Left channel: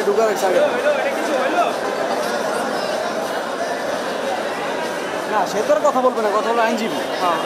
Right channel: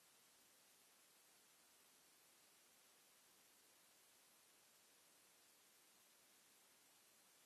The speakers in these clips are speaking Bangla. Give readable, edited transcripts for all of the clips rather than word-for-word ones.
থানায় ঢুকার আগে না, সে তোর কথা বলবে না, কথা হলো আইনজীবী। হ্যাঁ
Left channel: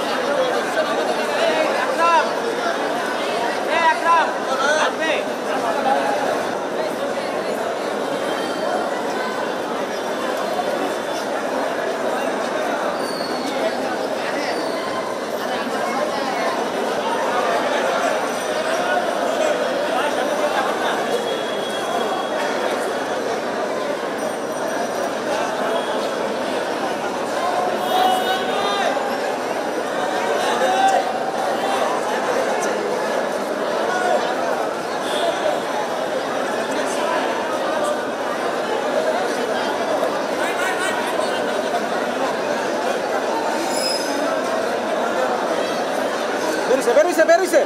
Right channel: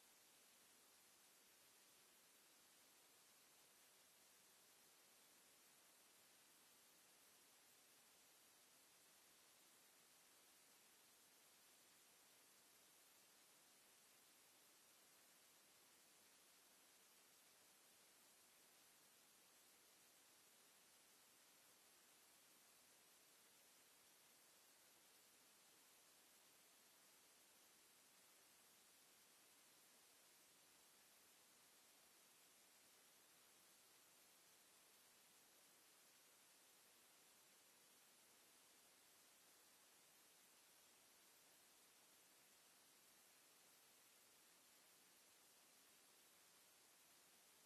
বেরিয়েছে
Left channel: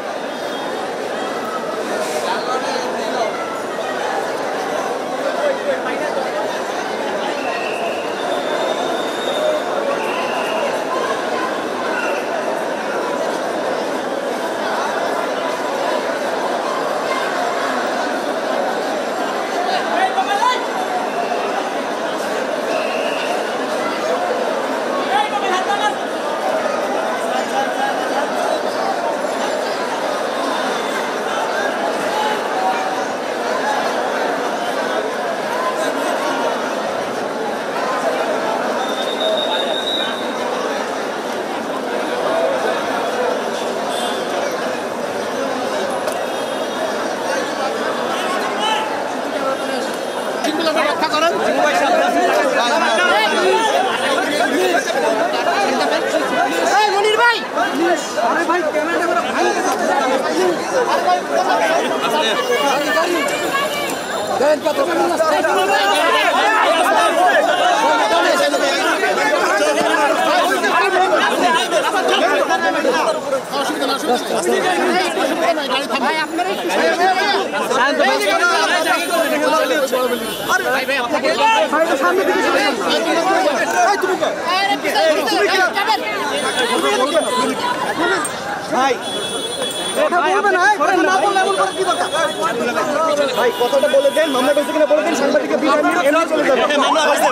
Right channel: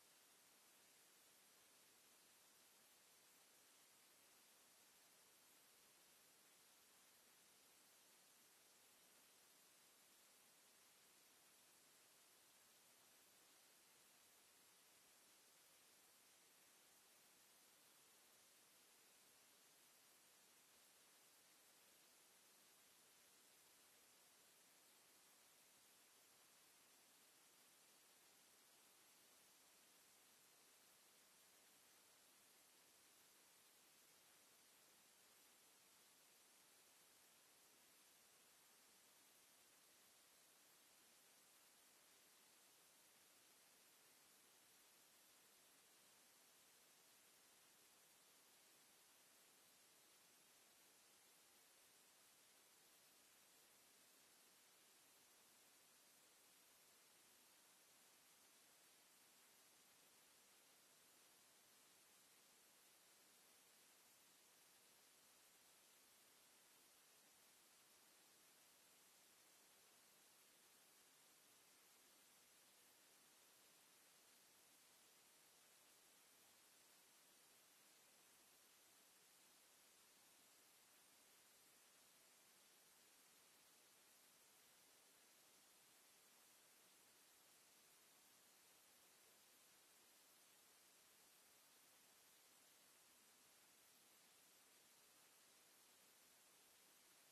ভাই কথাটা বলে দেন, মামলা হয়েছে কিনা বলে দেন, সাংবাদিককে বিদায় নিয়ে এমনি চলে যাবে। মামলা হয়েছে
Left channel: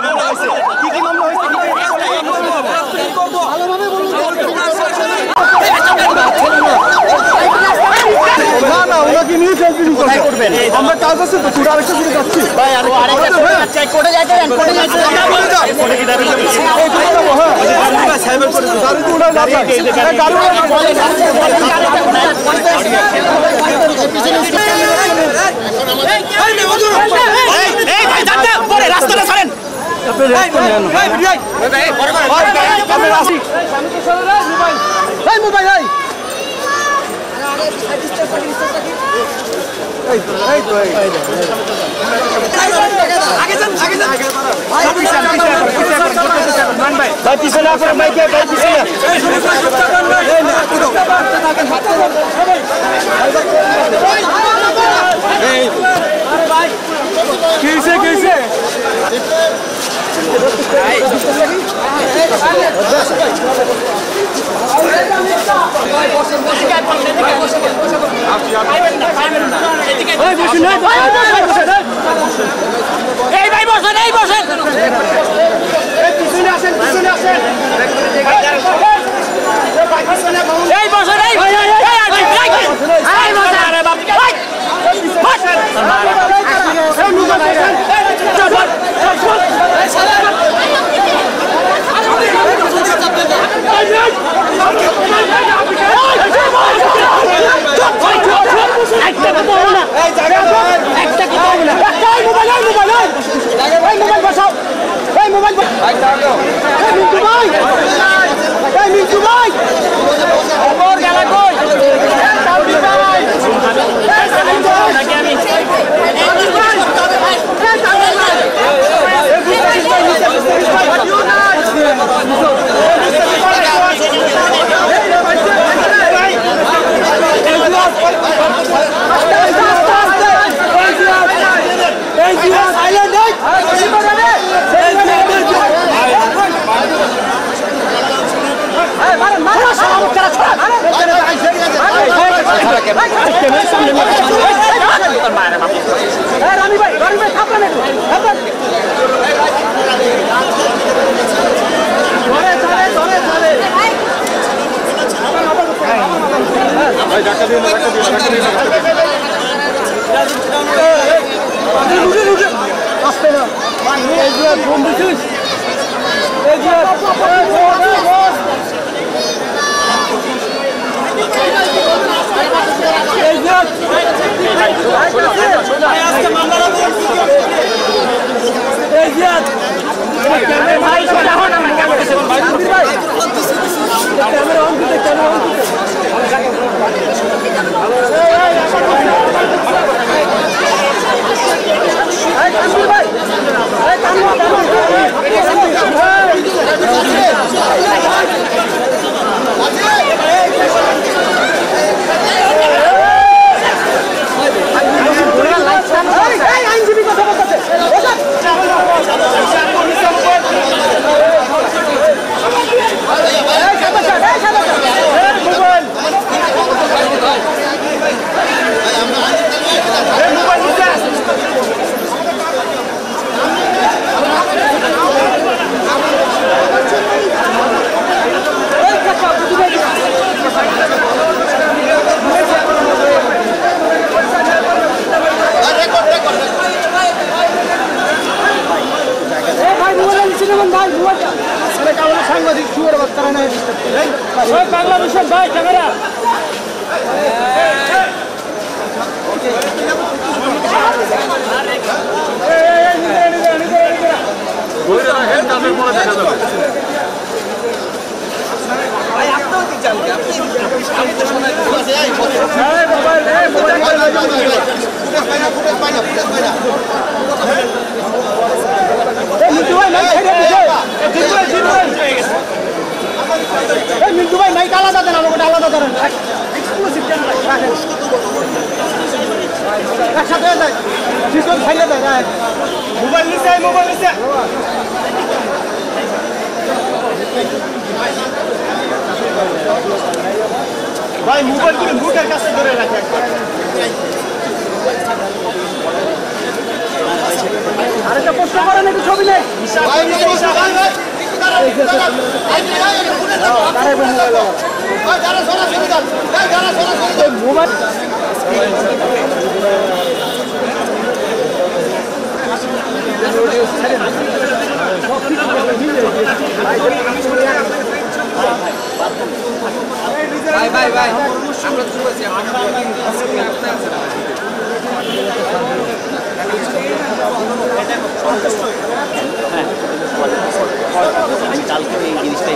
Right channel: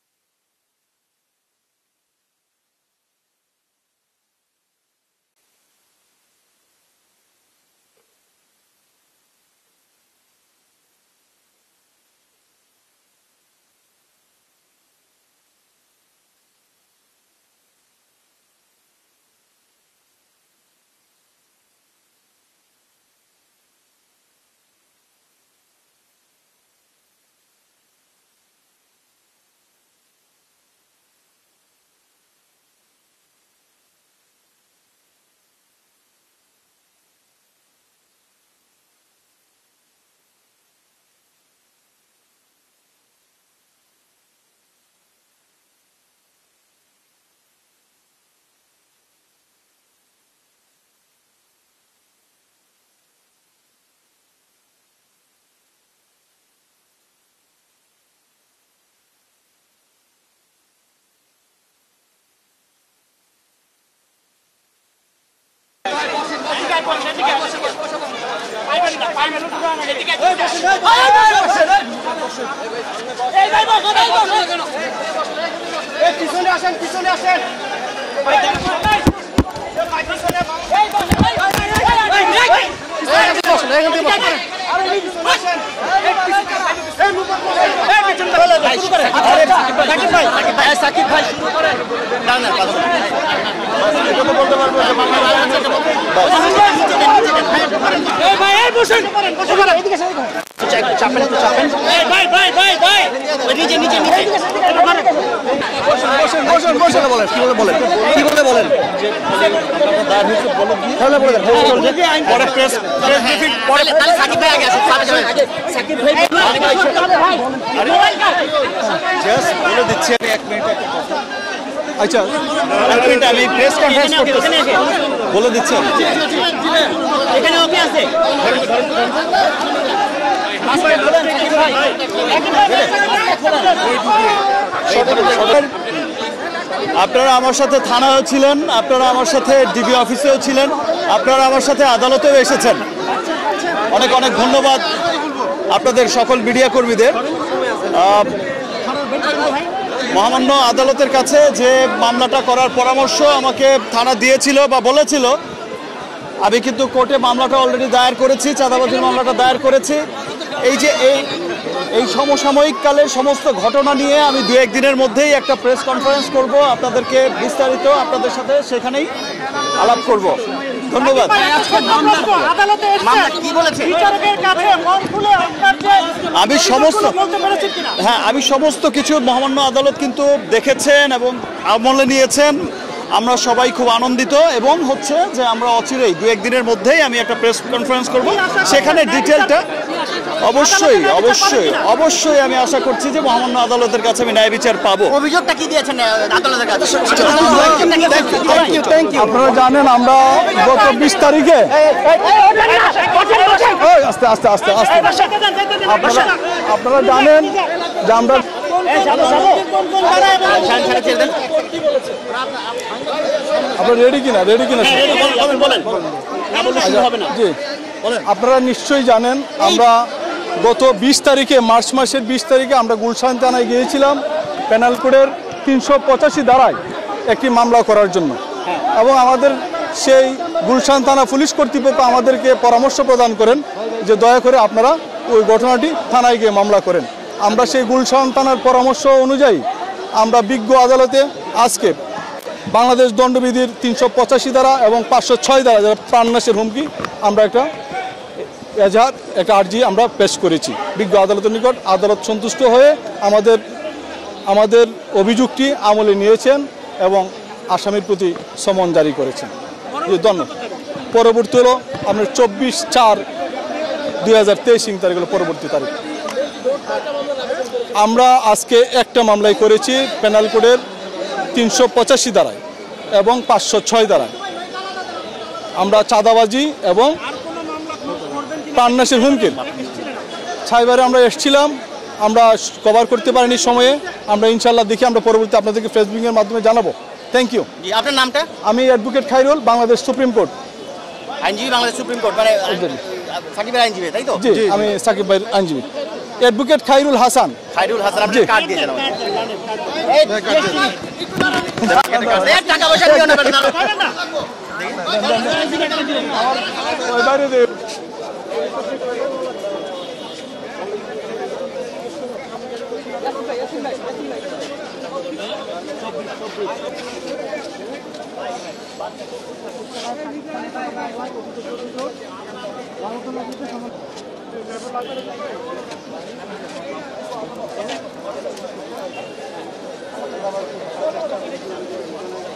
কি কি মামলা হয়েছে ভালোভাবে বলুন। না না, ওনাকে নিয়ে সেলফি করবেন, আমরা কাজ আছে তো, পুরো আরেকটা দিকে যাচ্ছি ভাই। আর আরেকটা কোর্টে যাইতে দেন, কোর্টে যাইতে দেন, কোর্টে কি দাঁড়িয়ে যাচ্ছে এই তো হ্যাঁ সাইবার করে গাড়ি তো উড়াই না, গাড়ি এই ভাই যাতে পরে রাস্তাটা ছাড়েন, আপনি রাস্তা নেন ভাই ভাই পরে করে আপনি রাস্তা এই মোবাইল এই তো আগে যান ভাই পিছনে আপনার মাইকে ভাই পিছনে কিসে পিছনে আসেন আপনারা আমার সাথে থানায় ছিলেন, আপনারা আমার সাথে ডিবি অফিসেও ছিলেন, আপনারা আমার সাথে আদালতেও এসেছেন। অনেক ধন্যবাদ আপনাদের সকল মিডিয়া কর্মীদের। আমাকে থানা দিয়েছিল বা বলেছিল, আমি কিন্তু কোর্টে মামলাটা দায়ের করেছি, চাঁদাবাজির মামলাটা দায়ের করেছি। এই যে এই সমসাময়িককালের সমস্ত ঘটনা নিয়ে আমি 2-1 দিনের মধ্যেই একটা প্রেস কনফারেন্স করবো, আপনাদেরকে বিস্তারিত আপনাদের সাথে সেখানেই আলাপ করবো। ধন্যবাদ। আমি সমস্ত কিছু মহামান্য আদালত কিন্তু দেখেছেন, আমলে নিয়েছেন। আমরা সবাই খুব আনন্দিত এবং দেখছেন যে আমরা অচিরেই 2-1 দিনের মধ্যেই আমি একটা প্রেস কনফারেন্স করবো, সেখানে ডিটেলটা অবশ্যই অবশ্যই অবশ্যই আমি আশা করছি যে মহামান্য আদালতের কাছে আমি ন্যায় বিচার পাবো। আপনারা জানেন আমরা গত 20 তারিখে আপনারা নিশ্চয়ই জানেন আমরা গত 20 তারিখে মার্চ মাসের 20 তারিখে আমরা গুলশান থানায় গিয়েছিলাম প্যানেল করে 385 ধারায় একটি মামলা করার জন্য, এবং আমাদের সেই গুলশান থানা পুলিশ কর্তৃপক্ষ আমাদেরকে পরামর্শ প্রদান করেন যে দয়া করে আপনারা ওই ঘটনাটি থানায় গিয়ে মামলা করেন। আমরা সেই গুলশান থানার পরামর্শ অনুযায়ী আমরা বিজ্ঞ আদালতে আজকে বাংলাদেশ দণ্ডবিধির 385 ধারা এবং 506 ধারা প্রাণনাশের হুমকি আমরা একটা আর্জি আমরা পেশ করেছি বিজ্ঞ আদালতের নিকট। আদালত সন্তুষ্ট হয়ে আমাদের অভিযুক্তি আমলে নিয়েছেন এবং আসামির প্রতি সমন জারি করেছে। পরবর্তীতে আমরা 24/4/2023 আমরা আজকে একটা মামলাই করেছি পেনাল কোডের 385 ধারা এবং 506 ধারা। আমরা চাঁদাবাজি এবং প্রাণনাশের হুমকি সাইবারে আমরা এসেছিলাম, আমরা কভার করতে পারিনি সময়ে। আমরা ইনশাল্লাহ দেখি আমরা পরবর্তী আপনাদেরকে ফেসবুকের মাধ্যমে জানাবো। Thank you. আমি advocate Khairul, Bangladesh supreme court. জি, আমি সাকিব ভাই আইনজীবী। অ্যাডভোকেট খায়রুল হাসান। জি। ভাই আমরা তো বলছি কালকে এই জিনিসটাই